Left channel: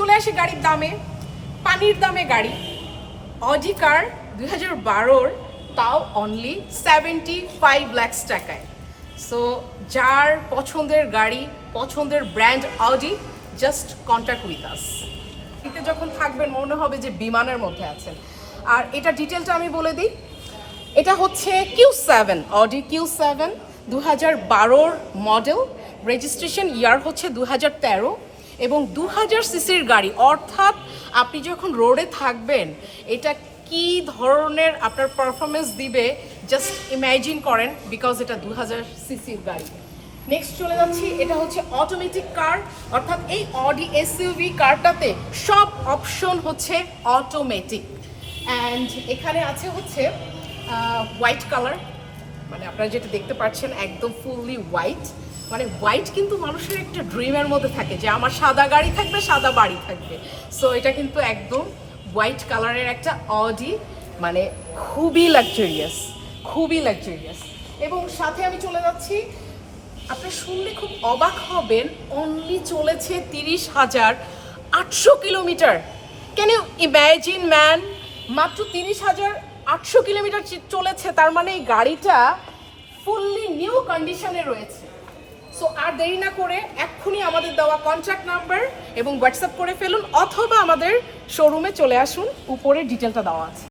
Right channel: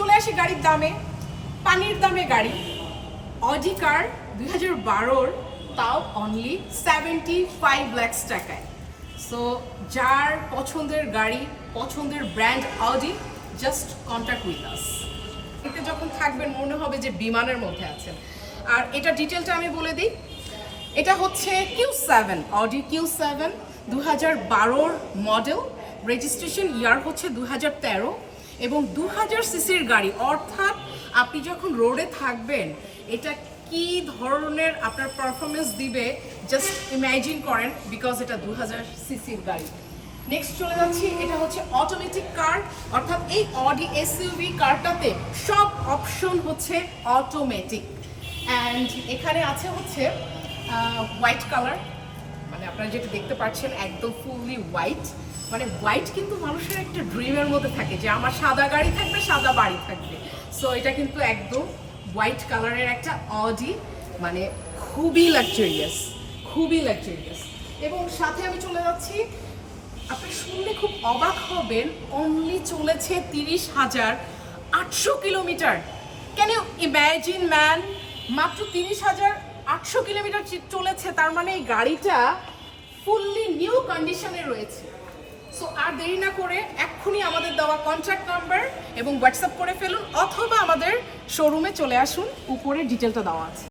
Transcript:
চলে আসি গাড়ির দামে, পানির দামে গাড়ি। অডি কার 2012-র, তাও অনলি 75 লাখ টাকায়। সো যার পছন্দের গাড়ি, পছন্দের brand Audi, just contact with us. এতে যখন থাকবেন মনে হবে যে বিমানের মধ্যে আছেন। আর এটা ডিটেলটা আমি বলে দিই, এটা হচ্ছে Q7, অডি Q7 2012-র মডেল, রেজিস্ট্রেশন ইয়ার হচ্ছে 2013 এবং 2000 সিসির গাড়ি। অর্থাৎ আপনি যখন রোডে থাকবেন এটা কি ধরনের আপনার পারফরমেন্স দিবে জাস্ট ইমাজিন করেন, বিকজ এটা 2000 সিসির গাড়ি। নেক্সট চলে যাচ্ছি, এটা হচ্ছে অটোমেটিক কার, অর্থাৎ এই অডি এসইউভি কারটাতে সব অপশন হচ্ছে অটোমেটিক। অ্যান্ড এখানে আছে হচ্ছে হোয়াইট কালার, মানে আপনারা যেটা দেখতে পাচ্ছেন একদম ফুললি হোয়াইট। মানে হোয়াইট কিন্তু মানুষের একটা ড্রিমের মধ্যে থাকে যে আমার সাদা গাড়ি থাকবে, সাদা বাড়ি থাকবে। সো এটা কিন্তু একদম হোয়াইট কালারের একটা অডি, মানে খুবই লাক্সারিয়াস, খুবই লাক্সারিয়াস। এবং সাথে আমি চলে যাচ্ছি, আপনারা শুনলে খুব অবাক হবেন, অনলি চলেছে 30,800 kilometre. Can you imagine man, মাত্র 30,800 কিলোমিটার চলেছে, তার মানে এই গাড়িটা ফুললি নিউ কন্ডিশনে রয়েছে। সো আর দেরি না করে এক্ষুনি আমাদের দেওয়া কন্ট্যাক্ট নাম্বার এবং হোয়াটসঅ্যাপ করে ফেলুন, অথবা আমাদের শোরুমে চলে আসুন, উপরে ডিটেলটা দেওয়া আছে।